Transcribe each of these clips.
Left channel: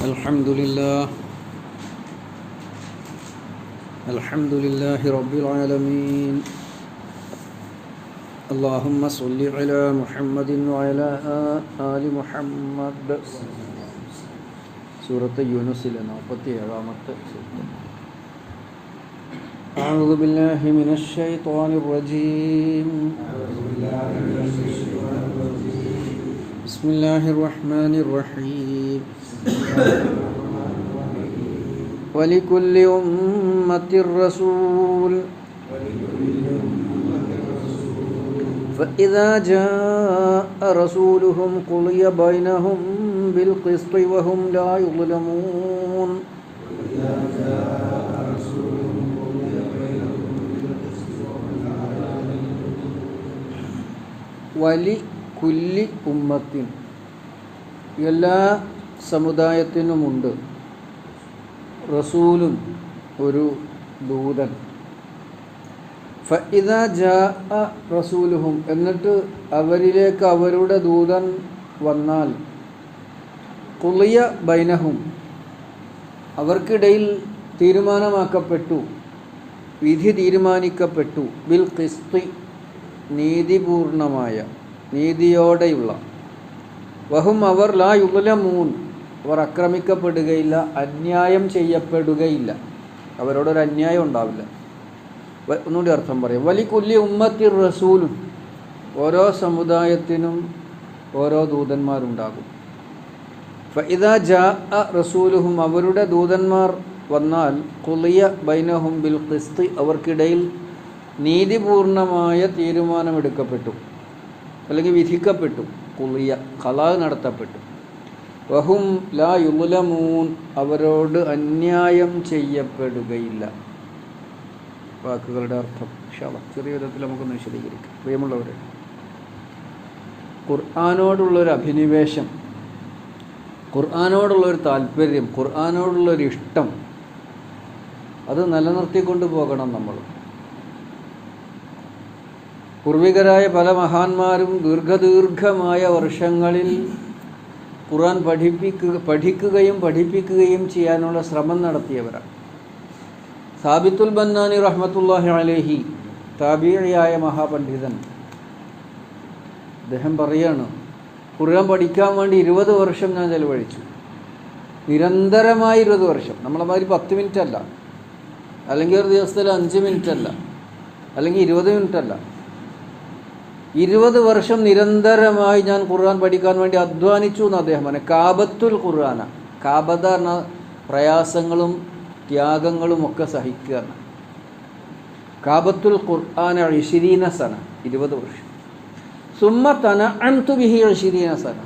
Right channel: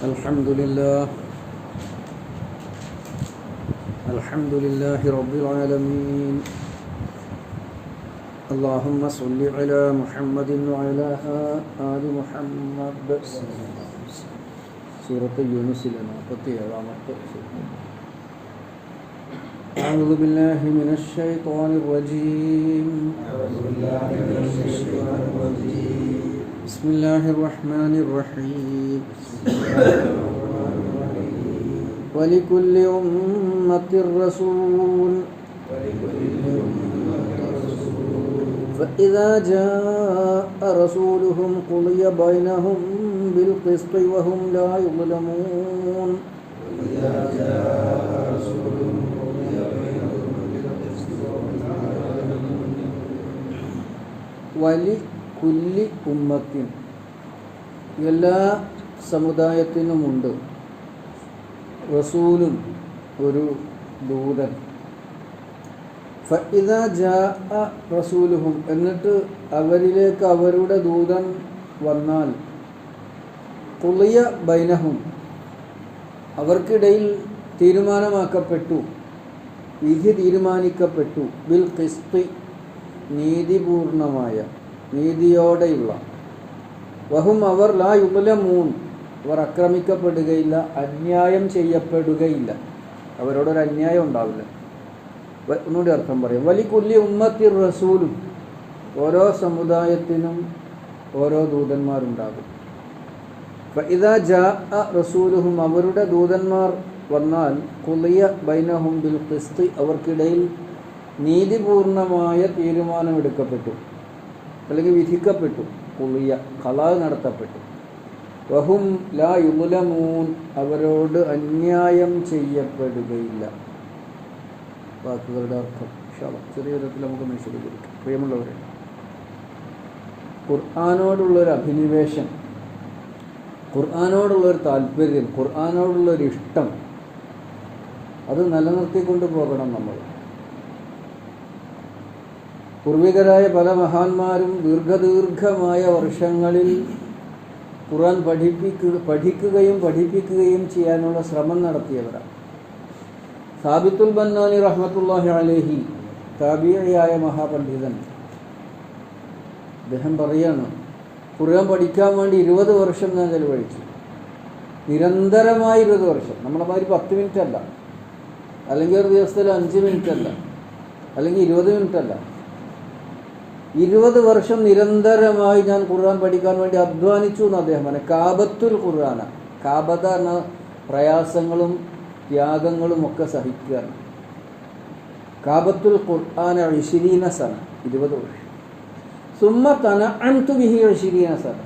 الحمد لله رب العالمين. اللهم صل على محمد وعلى آل محمد. سورة يونس 47. أعوذ بالله من الشيطان الرجيم. بسم الله الرحمن الرحيم. ولكل أمة رسول فإذا جاء رسولهم قضي بينهم بالقسط وهم لا يظلمون. വലിക്കുല്ലി ഉമ്മത്തിൻ, എല്ലാ സമുദായത്തിനുമുണ്ട് റസൂലും, ഒരു ദൂതൻ. ഫഇദാ ജാഅ റസൂലുഹും, എന്നിട്ട് അവരിലേക്ക് അവരുടെ ദൂതൻ വന്നാൽ, ഖുളിയ ബൈനഹും, അവർക്കിടയിൽ തീരുമാനമാക്കപ്പെട്ടു, വിധി തീരുമാനിക്കപ്പെട്ടു, ബിൽ ഖിസ്തി, നീതിപൂർണമായ, നീതിയോടെയുള്ള, വഹും അവർ ലാ യുദ്ലമൂൻ, അവർ ആക്രമിക്കപ്പെടുകയില്ല, അന്യായം ചെയ്യപ്പെടുകയില്ല, അവരോടൊരു അന്യായം ഉണ്ടാവില്ല. ഒന്നുകൂടി അർത്ഥം പറയാം. വലിക്കുല്ലി ഉമ്മത്തി റസൂലും, ഓരോ സമുദായത്തിനും ഓരോ ദൂതന്മാരുണ്ടാകും. ഫഇദാ ജാഅ റസൂലുഹും, അവരുടെ ദൂതന്മാർ വന്നാൽ, ഖുളിയ ബൈനഹും ബിൽ ഖിസ്തി, അവർക്കിടയിൽ നീതിപൂർണമായ തീരുമാനമെടുക്കപ്പെട്ടു, അല്ലെങ്കിൽ വിധിക്കപ്പെട്ടു. ഖുളിയ, ഖലാ നടത്തപ്പെട്ടു. വഹും ലാ യുദ്ലമൂൻ, അവരോട് അന്യായം ചെയ്യപ്പെടുകയില്ല. വാക്കുകളുടെ അർത്ഥം ചെറിയ വിധത്തിൽ നമുക്കൊന്ന് വിശദീകരിക്കാം. പ്രിയമുള്ളവരെ, ഖുർആനോടുള്ളൊരു അഭിനിവേശം, ഖുർആനോടുള്ളൊരു താല്പര്യം, ഖുർആനോടുള്ളൊരു ഇഷ്ടം, അത് നിലനിർത്തിക്കൊണ്ട് പോകണം നമ്മൾ. പൂർവികരായ പല മഹാന്മാരും ദീർഘമായ വർഷങ്ങളിൽ ഖുർആൻ പഠിക്കുകയും പഠിപ്പിക്കുകയും ചെയ്യാനുള്ള ശ്രമം നടത്തിയവരാണ്. സാബിത്തുൽ ബന്നാനി റഹ്മത്തുള്ളാഹി അലൈഹി, താബിഈയായ മഹാപണ്ഡിതൻ, അദ്ദേഹം പറയാണ്, ഖുർആൻ പഠിക്കാൻ വേണ്ടി 20 വർഷം ഞാൻ ചെലവഴിച്ചു. നിരന്തരമായി 20 വർഷം. നമ്മളെ മാതിരി 10 മിനിറ്റ് അല്ല, അല്ലെങ്കിൽ ഒരു ദിവസത്തിൽ 5 മിനിറ്റ് അല്ല, അല്ലെങ്കിൽ 20 മിനിറ്റ് അല്ല. 20 വർഷം നിരന്തരമായി ഞാൻ ഖുർആൻ പഠിക്കാൻ വേണ്ടി അധ്വാനിച്ചു എന്ന് അദ്ദേഹം പറഞ്ഞു. കാബത്തുൽ ഖുർആന, കാബത എന്ന പ്രയാസങ്ങളും ത്യാഗങ്ങളും ഒക്കെ സഹിക്കുക. കാബത്തുൽ ഖുർആന 20 സന, 20 വർഷം. സുമ്മ തനഅൻതു ബിഹി 20 സന,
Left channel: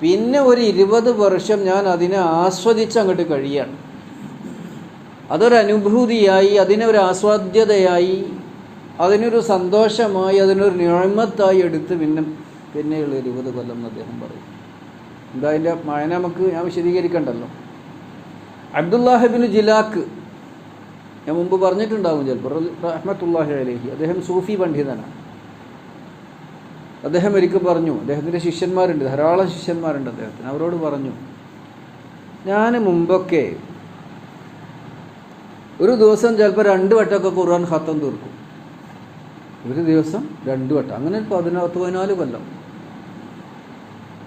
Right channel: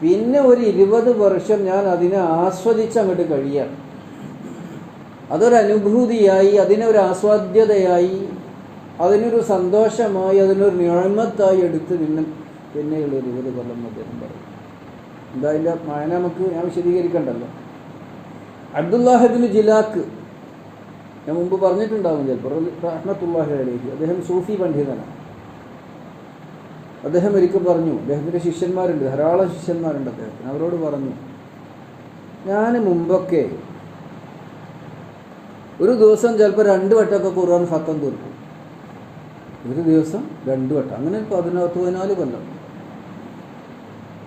പിന്നെ ഒരു 20 വർഷം ഞാൻ അതിനെ ആസ്വദിച്ച് അങ്ങോട്ട് കഴിയാണ്. അതൊരനുഭൂതിയായി, അതിനൊരു ആസ്വാദ്യതയായി, അതിനൊരു സന്തോഷമായി, അതിനൊരു നിഅമത്തായി എടുത്ത് പിന്നെയുള്ള 20 കൊല്ലം എന്ന് അദ്ദേഹം പറയും. എന്താ അതിൻ്റെ മഴ നമുക്ക് ഞാൻ വിശദീകരിക്കണ്ടല്ലോ. അബ്ദുല്ലാഹ് ഇബ്നു ജിലാക്ക്, ഞാൻ മുമ്പ് പറഞ്ഞിട്ടുണ്ടാകും ചിലപ്പോൾ, റഹ്മത്തുള്ളാഹി അലൈഹി, അദ്ദേഹം സൂഫി പണ്ഡിതനാണ്. അദ്ദേഹം ഒരിക്കൽ പറഞ്ഞു, അദ്ദേഹത്തിൻ്റെ ശിഷ്യന്മാരുണ്ട്, ധാരാളം ശിഷ്യന്മാരുണ്ട് അദ്ദേഹത്തിന്. അവരോട് പറഞ്ഞു, ഞാൻ മുമ്പൊക്കെ ഒരു ദിവസം ചിലപ്പോൾ 2 വട്ടമൊക്കെ ഖുർആൻ ഖത്തം തീർക്കും. ഒരു ദിവസം 2 വട്ടം, അങ്ങനെ 14 കൊല്ലം.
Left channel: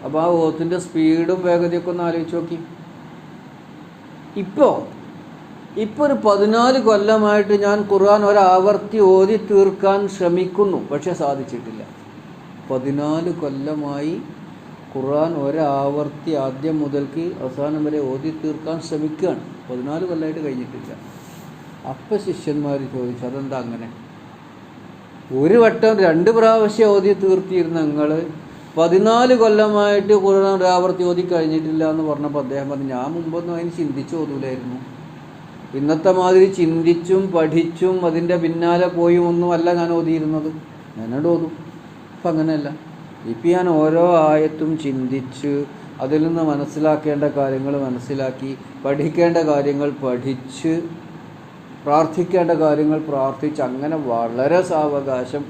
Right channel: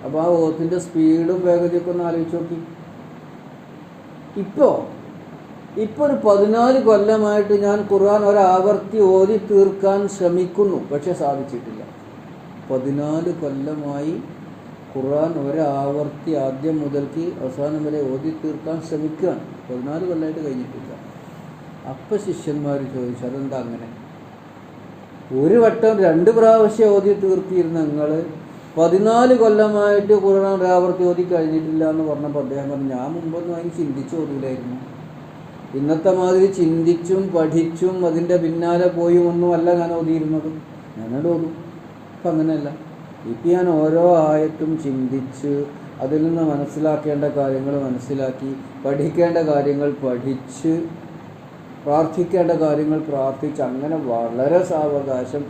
അപ്പോൾ ആ ഓത്തിൻ്റെ സ്പീഡും വേഗതയൊക്കെ ഒന്ന് ആലോചിച്ച് നോക്കി. ഇപ്പോൾ ഒരു 14 കൊല്ലമായിട്ട് ഞാൻ ഖുർആൻ ഒരാവർത്തി ഓതി തീർക്കാൻ ശ്രമിക്കുന്നു, പക്ഷെ സാധിച്ചിട്ടില്ല. 14 കൊല്ലമായി ഖുർആൻ ഒരാവർത്തി ആദ്യം മുതൽക്ക് അവസാനം വരെ ഓതി തീർക്കാൻ ശ്രമിക്കുകയാണ്. 14 കൊല്ലമായിട്ട് കഴിഞ്ഞിട്ടില്ല. അപ്പം ശിഷ്യന്മാർ ചോദിച്ചു, അതെന്താ അങ്ങനെ? ഒരു വട്ടം 2 പ്രാവശ്യം ഓതി തീർത്തിരുന്ന നിങ്ങൾ 14 കൊല്ലമായിട്ട് ഖുർആൻ ഒരാവർത്തി ഓതി കഴിഞ്ഞിട്ടില്ല എന്ന് പറഞ്ഞപ്പോൾ അദ്ദേഹം പറഞ്ഞു, ഞാൻ മുമ്പൊന്നും അതിന് ചിന്തിച്ച് ഓതൂലായിരുന്നു. ഇന്നത്തെ മാതിരി ചിന്തിച്ചും പഠിച്ചും അതിൻ്റെ പിന്നാലെ പോയും ഒന്നും അല്ല ഞാൻ ഓതിയിരുന്നത്. ഞാനോട് ഓതും. അപ്പം അങ്ങനെയല്ല. ഇപ്പം ഞാൻ ഓരോ ആയത്തും ചിന്തിച്ച് അതിൽ നിന്ന് മനസ്സിലാക്കേണ്ട കാര്യങ്ങൾ മനസ്സിലാക്കി, പഠിക്കേണ്ട കാര്യങ്ങൾ പഠിച്ച്, പ്രാർത്ഥിക്കേണ്ട കാര്യങ്ങൾ പ്രാർത്ഥിച്ച്, അങ്ങനെ വളരെ സാവകാശം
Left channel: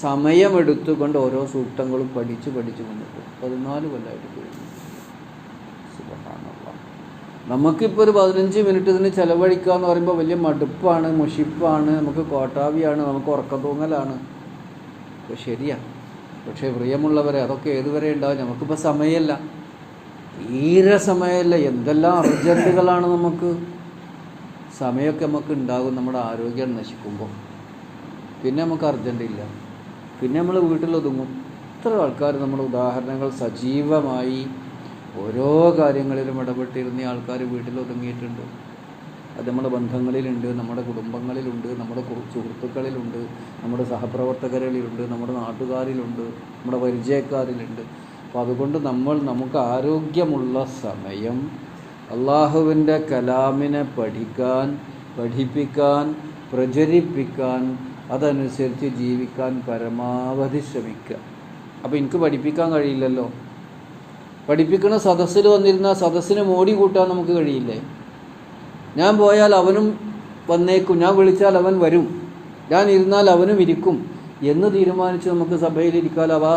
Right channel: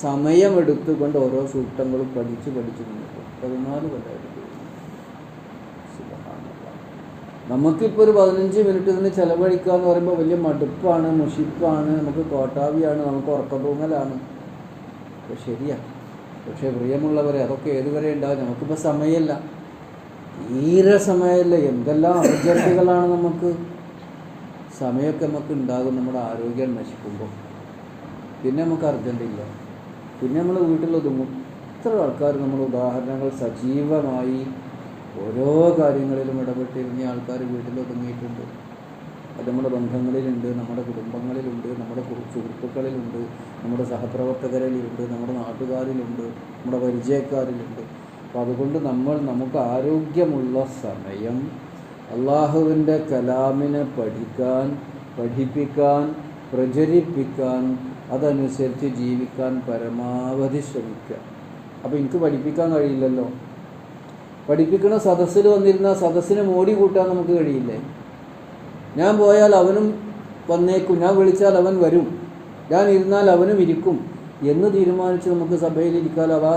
സമയമെടുത്തുകൊണ്ട് ഓരോ സൂക്തങ്ങളും പഠിച്ച് കൊണ്ടുപോകും. 14 കൊല്ലമായിട്ട്. നമുക്കിപ്പോൾ ഒരു 15 മിനിറ്റ് ഇതിന് ചിലവഴിക്കുക എന്ന് പറയുമ്പോൾ വലിയ മടുപ്പാണ്, മുഷിപ്പാണ്, നമുക്ക് കോട്ടാവിയാണ്, നമുക്ക് ഉറക്കം തൂങ്ങലാണ്. ശരിയാണ്. പക്ഷേ പ്രിയമുള്ളവരെ, അതൊക്കെ ഏതുവരെ ഉണ്ടാവും? നമുക്കിപ്പോൾ സമയമല്ല, തീരെ സമയമല്ല. എന്തെല്ലാം അർജൻറ്റുകളാണ് നമുക്ക്. സമയമൊക്കെ നമുക്ക് ഉണ്ടാകും നമ്മുടെ ആരോഗ്യം നശിക്കുമ്പോൾ. പിന്നെ നമുക്ക് അർജൻറ്റില്ല, പിന്നെ നമ്മൾ വീട്ടിലൊതുങ്ങും. ഇത്ര ആൾക്കാർ നമ്മൾ ഉദാഹരണങ്ങൾ സജീവമായി ഓരോ കാര്യങ്ങളിലും ഇടപെട്ടിരുന്ന ആൾക്കാർ വീട്ടിലൊതുങ്ങിയിട്ടുണ്ട്. അത് നമ്മുടെ ബന്ധങ്ങളിലുണ്ട്, നമ്മുടെ കുടുംബങ്ങളിലുണ്ട്, നമ്മുടെ സുഹൃത്തുക്കളിലുണ്ട്, നമ്മുടെ സഹപ്രവർത്തകരിലുണ്ട്, നമ്മുടെ നാട്ടുകാരിലുണ്ട്, നമ്മുടെ പരിചയക്കാരിലുണ്ട്. അപ്പോൾ അതുകൊണ്ട് നമുക്ക് ആരോഗ്യമുള്ള സമയം അള്ളാഹുവിൻ്റെ കലാമിനെ പഠിക്കാൻ, പഠിപ്പിക്കാൻ, പ്രചരിപ്പിക്കാൻ, അതനുസരിച്ച് ജീവിക്കാൻ പരമാവധി ശ്രമിക്കുക. അപ്പോൾ എനിക്ക് പഠിപ്പിക്കാൻ കഴിയില്ലല്ലോ. പഠിപ്പിക്കുന്ന സദസ്സിൽ വന്നിരുന്ന സദസ്സിനെ മോടി കൂട്ടാൻ നമുക്ക് കഴിയില്ലേ? ഞാൻ പോയാൽ അവനും വന്നേക്കും, ഞാൻ വിളിച്ചാൽ അവൻ വരും, ഞാൻ ഇരുന്നാൽ അവനും ഇരിക്കും എന്ന് തീരുമാനിച്ച് നമുക്ക് സഭയിലിരിക്കാലോ. ആ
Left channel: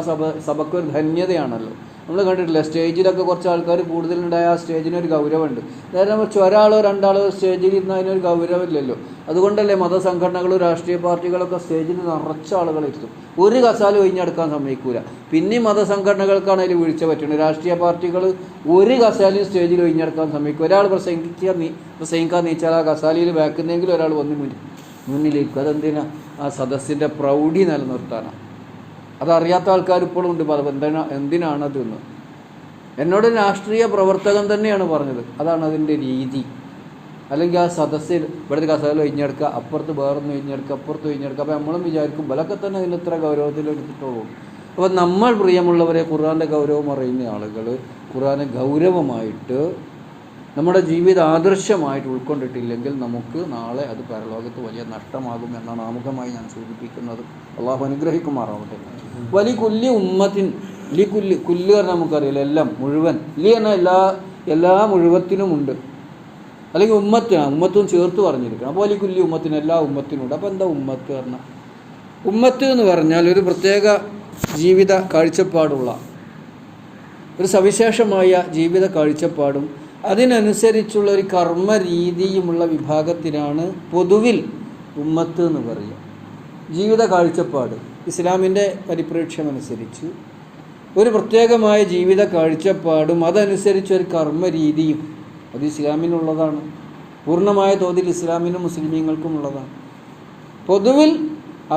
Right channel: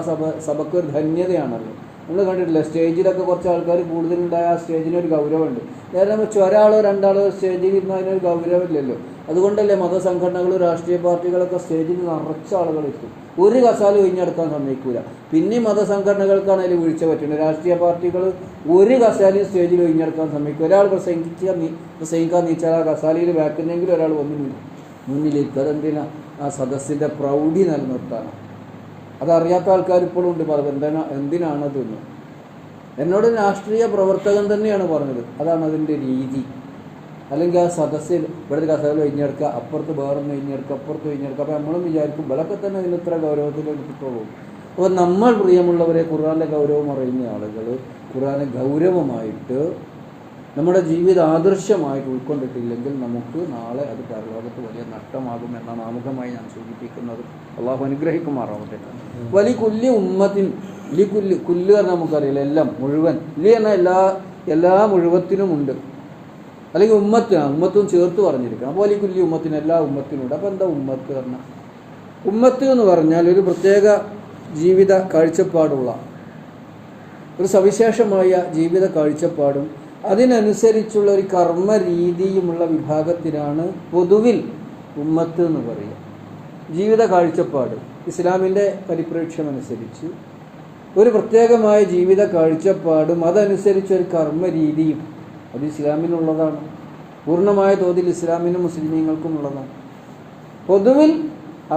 സഭയ്ക്കൊരു ധന്യതയാണല്ലോ. നമ്മൾ കണ്ടിട്ടില്ല, സ്റ്റേജിലൊക്കെ കുറച്ച് ആൾക്കാർ കൂടുതലുണ്ടായ ആ സ്റ്റേജിനൊരു ഗൗരവമുണ്ട്. നേരെ വെച്ച് ഒരാളോ രണ്ടാളോ സ്റ്റേജിൽ ഇരുന്ന് അതിനൊരു ഗൗരവമില്ലല്ലോ. അതുകൊണ്ടല്ലേ മതസംഘടനകളും രാഷ്ട്രീയ പാർട്ടികളൊക്കെ സ്റ്റേജിൽ നിറച്ച ആളുകളിരുത്തും. ഒരു കസാല ഒഴിഞ്ഞെടുക്കാൻ സമ്മതിക്കൂല. പിന്നെ മതസംഘടനകൾക്കാണ് അതിൽ വീഴ്ച പറ്റുന്നത്. രാഷ്ട്രീയ പാർട്ടികൾ ഒരു കസാലയും സ്റ്റേജിൽ ഒഴിഞ്ഞെടുക്കാൻ സമ്മതിക്കും. ഒരാൾ പ്രസംഗിക്കാൻ നീച്ചാൽ ആ കസാലയിൽ ബാക്കുന്നെങ്കിലും ഒരാൾ വന്ന് മുന്നിലേക്ക്. അതെന്തിനാ? ആ സദസ്സിൻ്റെ പ്രൗഢി നിലനിർത്താനാണ്. അതറിയാത്ത ആൾക്കാർ ഇപ്പോഴും ഉണ്ട്. എന്തിനാണതെന്ന് എന്നോട് രാഷ്ട്രീയ പ്രവർത്തകൻ തന്നെയാണ് പറഞ്ഞത്. അതാണ് അതിൻ്റെ രീതി. അല്ലെങ്കിൽ ആ സദസ്സിൽ ഇവിടുത്തെ കസേരയിൽ ഒഴിഞ്ഞെടുക്കുക, അപ്പുറത്ത് വേറൊന്ന് ഒഴിഞ്ഞെടുക്കുക, അപ്പുറത്ത് ഒഴിഞ്ഞെടുക്കുക. അപ്പോൾ നമ്മളും വിചാരിക്കും ഇവലൊക്കെ തന്നെ ഇതിൽ ഇത്ര ഗൗരവത്തിൽ എടുത്തിട്ടുള്ളൂ. അപ്പോൾ നമ്മൾ പ്രിയമുള്ളവരെ, ഖുർആൻ്റെ ഗൗരവം അറിയുന്ന ആളുകൾ ഖുർആനെ ഗൗരവമായിട്ട് നമ്മുടെ ജീവിത ആദർശമായിട്ട് ഉൾക്കൊണ്ടിട്ടില്ലെങ്കിൽ നമുക്ക് നാളെ അത് പരലോകത്ത് വലിയ നഷ്ടമാകും എന്നാണ് ആമുഖമായി ഞാൻ സൂചിപ്പിക്കുന്നത്. അള്ളാഹു അനുഗ്രഹിക്കുമാറാവട്ടെ. വലിയ കുല്ലി ഉമ്മത്തിൻ, കുല്ല് പറഞ്ഞാൽ നമുക്കറിയില്ല, എല്ലാം, മുഴുവൻ. പറഞ്ഞാൽ എല്ലാ മുഴുവത്തിനുമുണ്ട്. അല്ലെങ്കിൽ ഉമ്മത്തും ചേർത്ത് പറഞ്ഞിരിക്കണം. അപ്പോൾ വലിയ കുല്ലി ഉമ്മത്തിന്, എല്ലാ ഉമ്മത്തിനുമുണ്ട്. അപ്പോൾ എന്താ ഉമ്മത്ത് പറഞ്ഞാൽ? ഉമ്മത്ത് എന്ന് പറഞ്ഞാൽ ഒരു പ്രത്യേക ജീവിത കാഴ്ചപ്പാടുള്ള, ഒരു സവിശേഷമായ ജീവിത കാഴ്ചപ്പാടും അതിനനുസരിച്ചുള്ള ഒരു കർമ്മ രീതിയുമുള്ള വിഭാഗത്തിനാണ് പൊതുവിൽ ഉമ്മത്ത് എന്ന് പറയുക. ജീവിത കാഴ്ചപ്പാട് ഇസ്ലാമിൻ്റെ പരിപ്രേക്ഷ്യമനുസരിച്ച് ഒരു പ്രത്യേകമായ ജീവിത കാഴ്ചപ്പാടും അതനുസരിച്ചൊരു കർമ്മ രീതിയും അത് ഇസ്ലാമിനുള്ളതാണ്. പൂർണ്ണമായ തോതിൽ ഇസ്ലാമിനും മുസ്ലിമീങ്ങൾക്കും ഉള്ളതാണ്. പൊതുവിൽ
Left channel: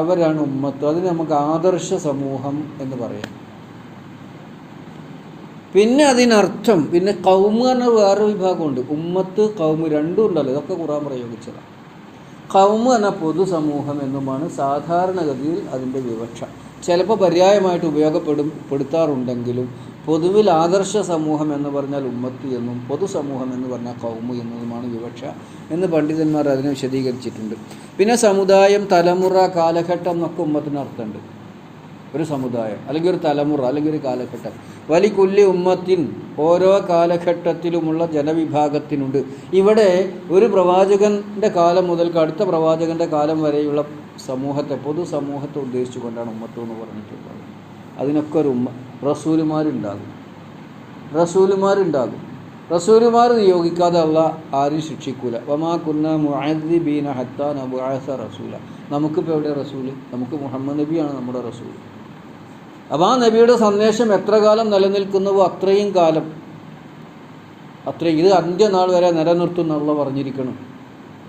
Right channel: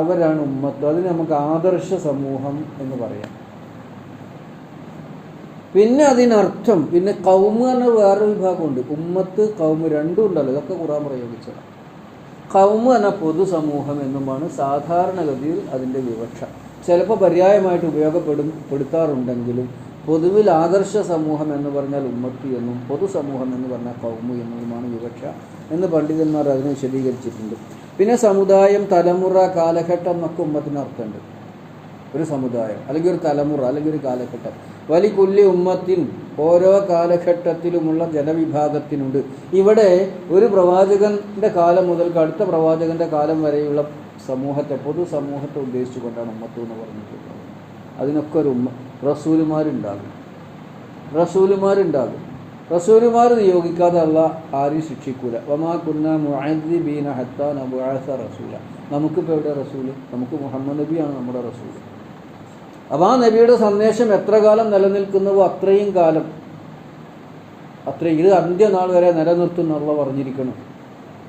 അവരാണ് ഉമ്മത്ത്. അതിന് നമുക്ക് ആദർശ സമൂഹം എന്ന് പറയാം. പിന്നെ അതിനർത്ഥം, പിന്നെ കൗമ് എന്ന വേറൊരു വിഭാഗമുണ്ട്. ഉമ്മത്ത്, കൗമ് രണ്ടും ഉണ്ടല്ലോ. ഇതൊക്കെ ഖുർആൻ പ്രയോഗിച്ചത്. കൗമ് എന്ന പൊതുസമൂഹം എന്നുമാണ് സാധാരണഗതിയിൽ അതിൻ്റെ വിവക്ഷ. ചിലപ്പോൾ പര്യായമായിട്ട് ഉപയോഗപ്പെടുത്താറുണ്ടെങ്കിലും പൊതുവിൽ ആദർശ സമൂഹം എന്ന് പറഞ്ഞാൽ ഉമ്മത്ത് എന്നും പൊതുസമൂഹം എന്ന് പറഞ്ഞാൽ കൗമ് എന്നതുമാണ് വിവക്ഷ എന്ന് പണ്ഡിതന്മാർ അതിനെ വിശദീകരിച്ചിട്ടുണ്ട്. പിന്നെ സമുദായം, തലമുറ, കാലഘട്ടം എന്നൊക്കെ ഉമ്മത്തിന് അർത്ഥമുണ്ട്. ഒരു സമുദായം അല്ലെങ്കിൽ ഒരു തലമുറ അല്ലെങ്കിൽ ഒരു കാലഘട്ടം. വലി കുല്ലി ഉമ്മത്തിൻ, ഓരോ കാലഘട്ടത്തിലുമുള്ള ജനവിഭാഗത്തിനുണ്ട്. ഇവിടെ ഒരു പ്രവാചകൻ്റെ കാലം മുതൽ അടുത്ത പ്രവാചകൻ്റെ കാലം വരെയുള്ള സമൂഹത്തെ, പൊതുസമൂഹത്തെ ഉദ്ദേശിച്ചുകൊണ്ടാണ് ഉമ്മത്ത് എന്ന് പറഞ്ഞിട്ടുള്ളത്. അതിനൊക്കെ ഒരു റസൂലുമാരുണ്ടാകും. റസൂലുമാർ നിയോഗിക്കാതെ അള്ളാഹ് ആരും ശിക്ഷിക്കൂല. വമാ കുന്നാ മുഅദ്ദിബീന ഹത്താ നബ്അസ റസൂല. നമുക്കിപ്പോൾ എവിടെ റസൂല്? നമുക്ക് മുഹമ്മദ് നബിയാണ് നമ്മുടെ റസൂല്. അപ്പോൾ ആ നബിയുടെ സന്ദേശം എത്ര കാലം നിലനിൽക്കുന്നുവോ അത്രയും കാലം, ഇത് അന്ത്യനാൾ വരെ നിലനിർത്തുന്നുള്ള പറഞ്ഞിരിക്കണം.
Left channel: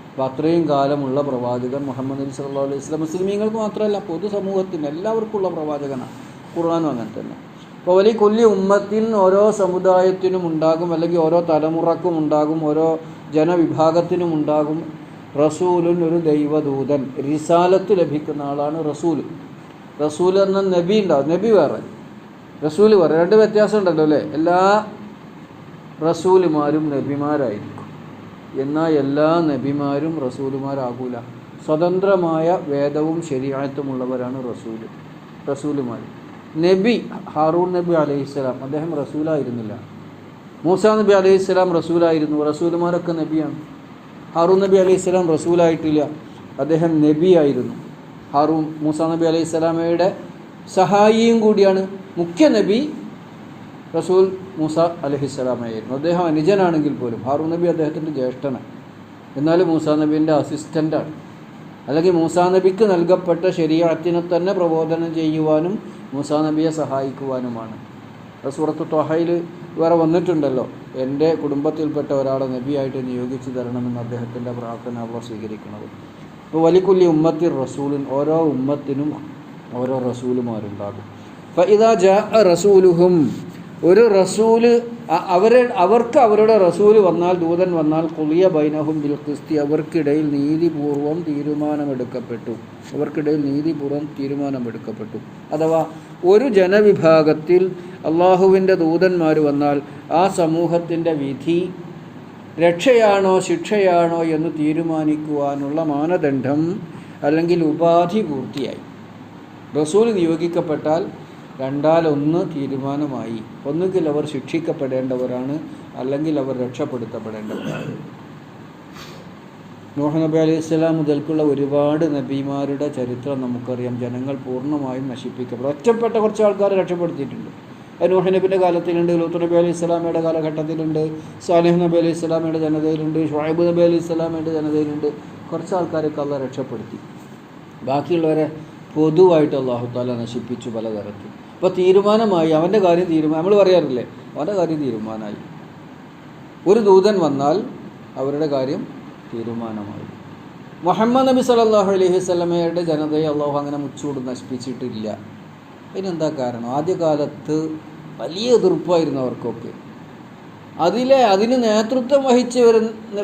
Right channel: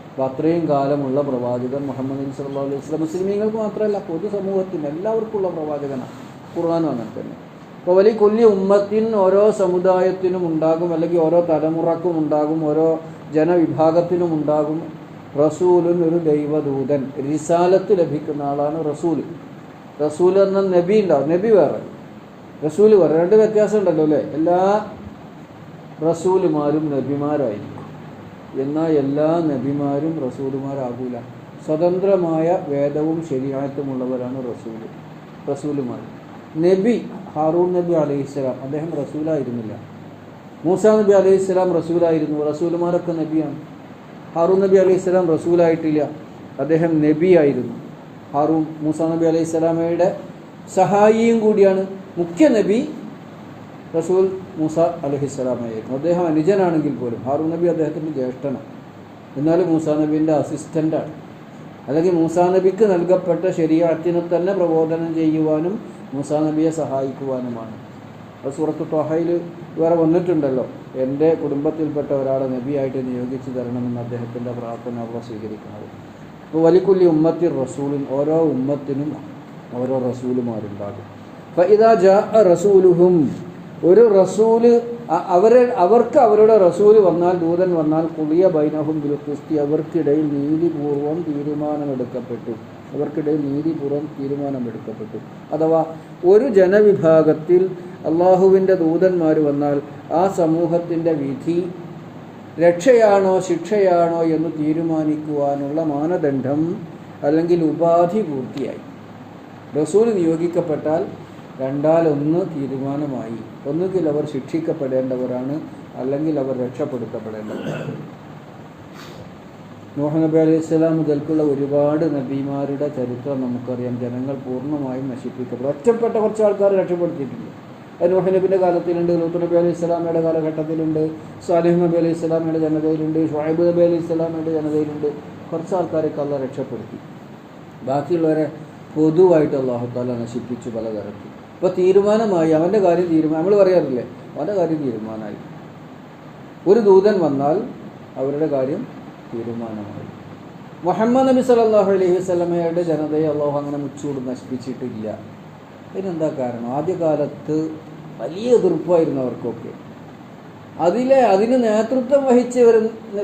അപ്പോൾ അത്രയും കാലമുള്ള പ്രവാചകൻ മുഹമ്മദ് നബി സല്ലല്ലാഹു അലൈഹി വസല്ലം മുസ്ലിമീങ്ങൾക്ക് മാത്രമല്ല പൊതുസമൂഹത്തിന് എല്ലാവർക്കുമുള്ള പ്രവാചകനാണ്. ഖുർആനും അങ്ങനെ തന്നെ. അപ്പോൾ വലിയ കൊല്ലി ഉമ്മത്തിൽ ഓരോ സമുദായത്തിനും ഉണ്ടാകും, അല്ലെങ്കിൽ ഓരോ തലമുറക്കും ഉണ്ടാകും, ഓരോ ജനവിഭാഗത്തിനും ഉണ്ടാകും റസൂലുൻ, ഒരു ദൈവദൂതൻ. റിസാലത്ത് ലഭിക്കുന്ന ആളാണ് റസൂൽ. റസൂൽ എന്ന നബി ഉണ്ടാവും. നബി വേറെ, റസൂൽ വേറെ. രണ്ട് വ്യത്യാസം ഉണ്ടല്ലോ അല്ലേ? എല്ലാ റസൂലുമാരും നബിമാരായിരിക്കും, എന്നാൽ എല്ലാ നബിമാരും റസൂലുമാരാകൂല. സ്വതന്ത്രമായ വേദവും ശരീഅത്തുമുള്ളവരാണ് റസൂലുമാർ. നബി ഹാറൂൺ നബി അലൈഹിസ്സലാം, അദ്ദേഹം റസൂലായിരുന്നില്ല. മൂസാ നബി അലൈഹിസ്സലാം റസൂലായിരുന്നു. റസൂലുമാരൊക്കെ നബിയാണ്. ഹാറൂൺ നബി അലൈഹിസ്സലാം റസൂലായിട്ടില്ല, അദ്ദേഹം നബിയായിരുന്നു. മൂസാ നബി അലൈഹിസ്സലാമയുടെ സഹായിയും കൂടിയാണ്. മുഖ്യ നബി റസൂൽ മൂസ അലൈഹിസ്സലാമായിരുന്നു. അദ്ദേഹം അനുജനാണെങ്കിൽ പോലും ഹാറൂൻ നബി അദ്ദേഹത്തിൻ്റെ ജ്യേഷ്ഠനാണ്, എന്നാലും മൂസാ നബീൻ്റെ അസിസ്റ്റൻ്റാണ്. അല്ലെങ്കിൽ മൂസാ നബിക്ക് നൽകപ്പെട്ട ശരീഅത്തിനെ തന്നെ പ്രബോധനം ചെയ്യുവാനും മൂസാ നബിയെ സഹായിക്കുവാനുമാണ്. അത് സൂറത്ത് ത്വഹയിൽ വേറെ വന്നിട്ടുണ്ടല്ലോ, എൻ്റെ കുടുംബത്തിൽപ്പെട്ട ഒരാളെ നബിയായിട്ട് നിയോഗിച്ചു തരണമെന്ന് അദ്ദേഹത്തിൻ്റെ പ്രാർത്ഥന അവർ സ്വീകരിക്കുന്നത്. അപ്പോൾ വലിക്കുല്ലി ഉമ്മത്തി റസൂലിൻ, ഓരോ ഉമ്മത്തിനും ഓരോ റസൂലുമാരുണ്ടാകും. ഫഇദാ ജാഅ റസൂലുഹും, ഒരു റസൂല് അവർക്ക് അവരുടെ റസൂല് വന്നാൽ, ദൂതൻ വന്നാൽ, ഖുളിയ ബൈനഹും ബിൽ ഖിസ്തി, അവർക്കിടയിൽ നീതിപൂർവം തീരുമാനമെടുക്കപ്പെട്ടു. അഥവാ ഒരു ജനവിഭാഗത്തിൽ അള്ളാഹുവിൻ്റെ ദൂതന്മാർ വന്നാൽ ആ സമൂഹത്തിൻ്റെ വിധി രക്ഷയാണോ ശിക്ഷയാണോ എന്ന് തീരുമാനിക്കുവാനുള്ള മാനദണ്ഡം അല്ലെങ്കിൽ ഉപാധി പൂർത്തിയായി. റസൂൽ നിയോഗിക്കപ്പെട്ടാൽ രണ്ടാലൊന്ന് തീരുമാനമായി. ഒന്നുകിൽ അവർ ശിക്ഷിക്കപ്പെടേണ്ടവരാണ്, അല്ലെങ്കിൽ അവർ രക്ഷപ്പെടുത്തപ്പെടേണ്ടവരാണ്. നൂഹ് നബി അലൈഹി സ്വലാം മുതൽക്കുള്ള ഒരുപാട് നബിമാരുടെ ചരിത്രം നമുക്കറിയാം. ജനങ്ങൾ പൂർണ്ണമായും നശിപ്പിക്കപ്പെടും. ഒറ്റപ്പെട്ട കുറച്ച് ആൾക്കാർ രക്ഷപ്പെടുത്തിയിട്ടുണ്ട്. അത് നൂഹ് നബിൻ്റെ കാലത്തിലുണ്ട്, ലൂത്ത് നബി അലൈഹി സ്വലാമയുടെ കാലഘട്ടത്തിലുണ്ട്, സാലിഹ് നബി അലൈഹി സ്വലാമയുടെ ജനതയിലുണ്ട്, ഷുഐബ് നബി അലൈഹി സ്വലാമയുടെ ജനതയിലുണ്ട്. കുറച്ച് ആൾക്കാരൊക്കെ അള്ളാഹ് രക്ഷപ്പെടുത്തി. ബാക്കിയുള്ളവരെ പൊതുവായിട്ട് അള്ളാഹു താല നശിപ്പിച്ചു പലതരത്തിൽ. അപ്പോൾ തീരുമാനമായി, അവൻ്റെ കാര്യം നമ്മൾ പറയാറില്ലേ, അവൻ്റെ കാര്യം തീരുമാനമായി. ഒരു ദൂതൻ വന്നാൽ അവരുടെ കാര്യം തീരുമാനമായി. മുഹമ്മദ് നബി സല്ലല്ലാഹു അലൈഹി വസല്ലമയുടെ ജനതയെ അള്ളാഹു അങ്ങനെ മുച്ചൂട് നശിപ്പിച്ചിട്ടില്ല. ഇതിനെന്താ കാരണം? ആദ്യകാലത്ത് വലിയ എതിർപ്പായിരുന്നു അവർക്കൊക്കെ. അതിന് നേതൃത്വം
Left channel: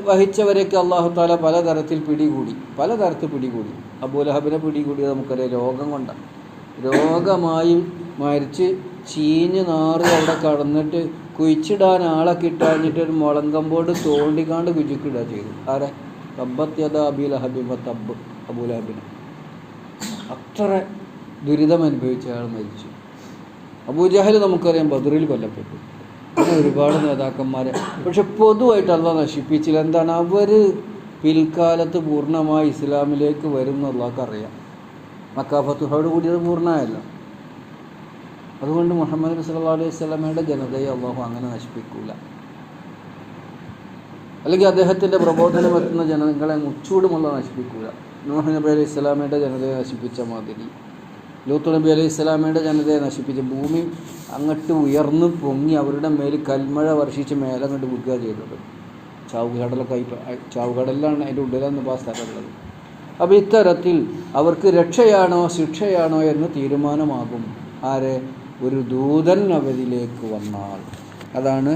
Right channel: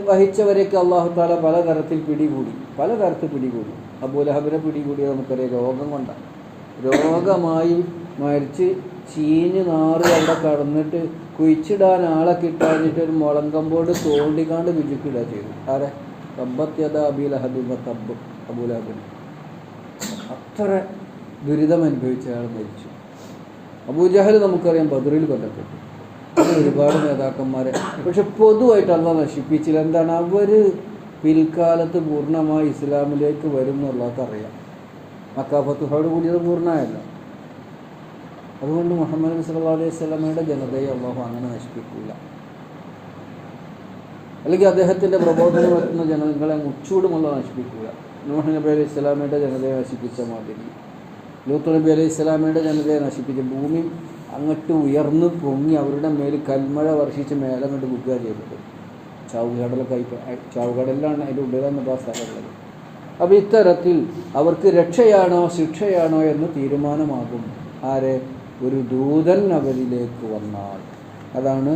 വഹിച്ചവരെയൊക്കെ അള്ളാഹു താല പലതരത്തിൽ പിടികൂടി. അബൂലഹബിനെ പിടികൂടിയത് നമുക്കറിയാം, രോഗം കൊണ്ടാണ്. രോഗമായി മരിച്ച് ചീഞ്ഞ് നാറ് അവിടെ കടന്നിട്ട് കുഴിച്ചിടാൻ ആളെ കിട്ടാഞ്ഞിട്ട് ഒരു മുളങ്കമ്പോട് തോണ്ടിക്കാണ്ട് കുഴിച്ചിടുക ചെയ്തു. ആരെ? തബ്ബത്ത് അബൂലഹബിന്. അത്ര ദുരിതം അനുഭവിച്ച ആൾ മരിച്ചു. അബൂജഹൽ നമുക്കറിയാം ബദറിൽ കൊല്ലപ്പെട്ടു. അങ്ങനെ ഒരുപാട് നേതാക്കന്മാരെ പക്ഷെ പൊതുവായിട്ട് അള്ളാഹ് നശിപ്പിച്ചില്ല. എന്താണ്? അവർ പിൽക്കാലത്ത് പൂർണ്ണമായി ഇസ്ലാമിലേക്ക് വരും എന്നുള്ളതൊക്കെ അറിയാം. മക്ക ഫത്തുഹോട് കൂടിയത് പൂർണ്ണമായല്ല. അതുകൊണ്ട് മുഹമ്മദ് നബി സല്ലല്ലാഹു അലൈഹി വസല്ലമയുടെ ജനതയെ അള്ളാഹു അങ്ങനെ നശിപ്പിക്കില്ല. അല്ലെങ്കിൽ അദ്ദേഹത്തിൻ്റെ പ്രബോധനം എത്തുന്ന ജനങ്ങളെ മുച്ചൂടുമുള്ള നശിപ്പിക്കുക. നൂഹ് നബി അലൈഹി സ്വലാമയുടെ ജനതയെ നശിപ്പിച്ച മാതിരി, ലൂത്ത് നബി അലൈഹി സ്വലാമയുടെ ജനതയെ നശിപ്പിച്ച, ഭൂമി അങ്ങോട്ട് ഉയർന്നു പൊങ്ങി അവരുടെ മേൽ കൽമഴ വർഷിച്ച് മേലെ അങ്ങോട്ട് വിൽക്കുക ചെയ്തത്. ചാവുകടലിലാണ് അതിൻ്റെ ഉള്ളിലെന്ന് ആ സ്ഥലമുള്ളത്. അപ്പോൾ ഇത്തരത്തിൽ അവർക്ക് രക്ഷയാണോ ശിക്ഷയാണോ എന്ന് തീരുമാനമാകും. ആരെ? ഒരു ദൂതൻ അവരിലേക്ക് വന്നാൽ. അതാണ്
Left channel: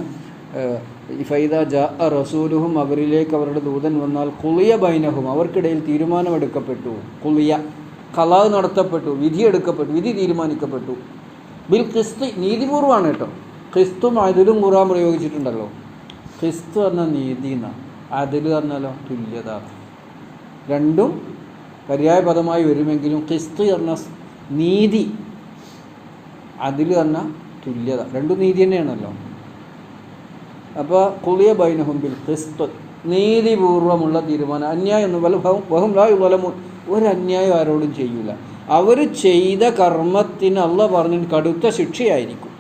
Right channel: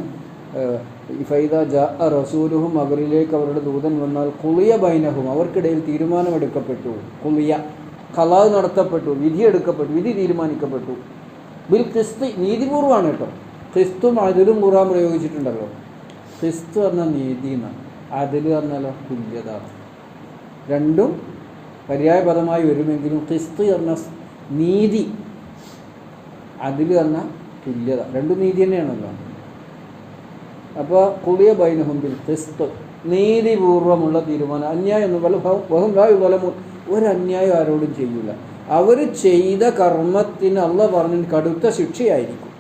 ഫൈദാ ജാഅ റസൂലുഹും, അവരിലേക്ക് അവരുടെ ദൂതൻ വന്നാൽ, ഖുളിയ ബൈനഹും, അവർക്കിടയിൽ തീരുമാനമെടുക്കപ്പെട്ടു. ഖുളിയ, ഖലാ നടത്തപ്പെട്ടു, വിധി തീരുമാനിക്കപ്പെട്ടു. ബിൽ ഖിസ്തി, നീതിപൂർവ്വമാണ് കേട്ടോ. ഖിസ്തും അതിലും ഖുർആൻ പ്രയോഗിച്ചിട്ടുണ്ടല്ലോ. ഖിസ്തു പറഞ്ഞാൽ നീതി എന്നാണ്, അതില് പറഞ്ഞാലോ തുല്യത. രണ്ടും പര്യായ പദമായി വരുമെങ്കിലും ഖിസ്ത് പറഞ്ഞാൽ നീതി, അതിൽ പറഞ്ഞാൽ തുല്യത. രണ്ടും നീതി തന്നെയാണല്ലോ. അപ്പോൾ ഖുളിയ ബൈനഹും ബിൽ ഖിസ്ത്, നീതിപൂർവമുള്ള തീരുമാനം. അന്യായം വഹും ലാ യുളമൂൻ, ഒരു അന്യായം ആരോടും ചെയ്യൂല. അവർ ചെയ്ത കർമ്മത്തിന് അള്ളാഹ് പറഞ്ഞിട്ട് കടുത്ത ശിക്ഷയായിരിക്കും.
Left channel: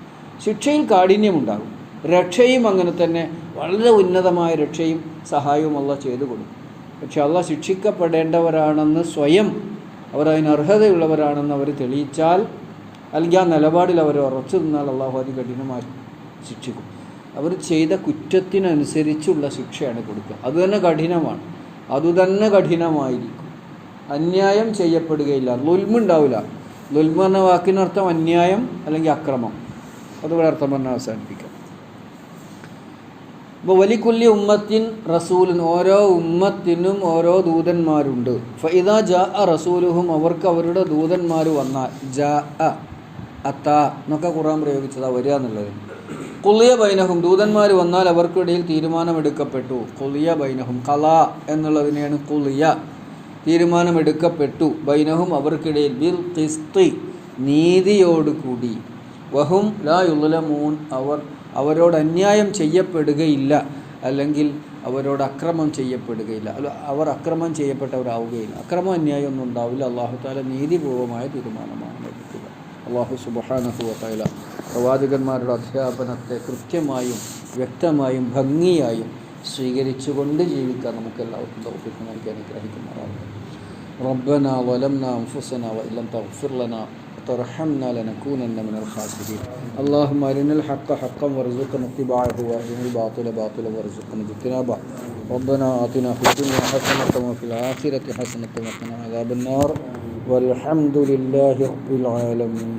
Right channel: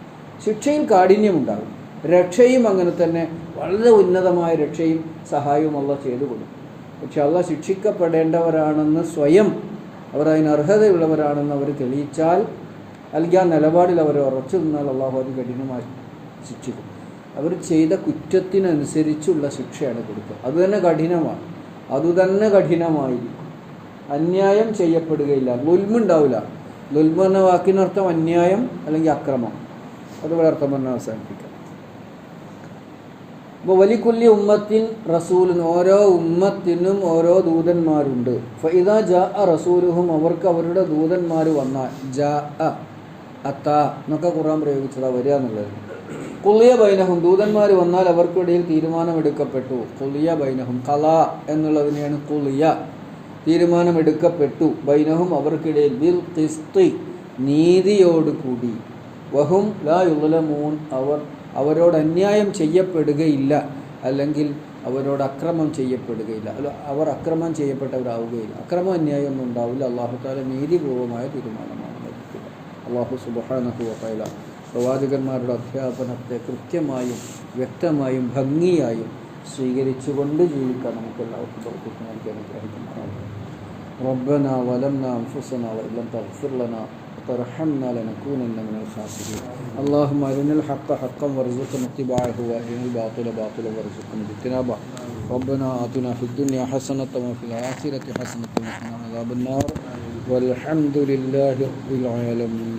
ശിക്ഷയിൽ കാഠിന്യമുണ്ടാകും. രക്ഷയും അങ്ങനെ തന്നെ, വളരെ ഉന്നതമായ രക്ഷയും സഹായവും അള്ളാഹ് ചെയ്തു കൊടുക്കും. പക്ഷെ അള്ളാഹ് ശിക്ഷിക്കപ്പെടേണ്ടവരാണെന്ന് സ്വയം അവർ അതിന് അർഹതയുള്ളവരാണെന്ന് അവർ തെളിയിച്ചാൽ, അല്ലെങ്കിൽ ആ നിലപാടിൽ അവർ ഉറച്ചു നിന്നാൽ അള്ളാഹു അത് കഠിനമായി ശിക്ഷിക്കും. അവർ ചെയ്ത കുറ്റത്തിനനുസരിച്ചുള്ള ശിക്ഷയാണ് കൊടുക്കുക. അതുതന്നെ കഠിനമായിരിക്കും. അന്യായം ചെയ്യപ്പെടുകയില്ല, ലുൽമുണ്ടാവില്ല. ലുൽമ എന്ന വാക്കിനർത്ഥം അന്യായം അല്ലെങ്കിൽ അക്രമം. അതുപോലെ അർത്ഥം പറഞ്ഞാൽ അവസാനിപ്പിക്കാം. അപ്പോൾ വലിക്കുല്ലി ഉമ്മത്തിൻ റസൂലിൻ, ഓരോ ഉമ്മത്തിനും ഓരോ ദൂതന്മാരുണ്ട്. ഫഇദാ ജാഅ റസൂലുഹും, അവർക്ക് അവരുടെ ദൂതന്മാർ വന്നാൽ, ജാഅ അത്ത എന്നൊക്കെ ഖുർആൻ പ്രയോഗിച്ചതാ വരിക എന്നുള്ളത്. ഖുളിയ ബൈനഹും, ദൂതന്മാർ വന്നാൽ അവർക്കിടയിൽ തീരുമാനമെടുക്കപ്പെട്ടു. ഖുളിയ ബൈനഹും, ഖലാ എന്നുള്ളതിനെയാണ് ഖുളിയ, തീരുമാനമെടുക്കപ്പെട്ടു. ബൈനഹും, അവർക്കിടയിൽ, ബിൽ ഖിസ്തി, നീതിയോടുകൂടി. വഹും ലാ യുളമൂൻ, അവരോട് അന്യായം ചെയ്യപ്പെടുകയില്ല, അല്ലെങ്കിൽ അവരോട് അക്രമം ചെയ്യപ്പെടുകയില്ല. അവർ അക്രമം ചെയ്യപ്പെട്ടവരാവുകയില്ല. അക്രമം അന്യായം ഒന്നും ഉണ്ടാവില്ല. അല്ലാഹു തആല നീതിപൂർവമായ തീരുമാനമാണ് എടുക്കുക. അല്ലാഹു സുബ്ഹാനഹു വ തആല പ്രവാചകന്മാരുടെ അധ്യാപനത്തെ കൃത്യമായും വ്യക്തമായും ഭംഗിയായും സ്വീകരിച്ചുകൊണ്ട് ജീവിക്കാൻ നമുക്ക് എല്ലാവർക്കും തൗഫീഖ് നൽകി അനുഗ്രഹിക്കുന്നതാണ്. ربنا ظلمنا أنفسنا وإن لم تغفر لنا وترحمنا لنكونن من الخاسرين. اللهم أرنا الحق حقا وارزقنا اتباعه وأرنا الباطل باطلا وارزقنا اجتنابه. ربنا آتنا في الدنيا حسنة وفي الآخرة حسنة وقنا عذاب النار والحمد لله رب العالمين.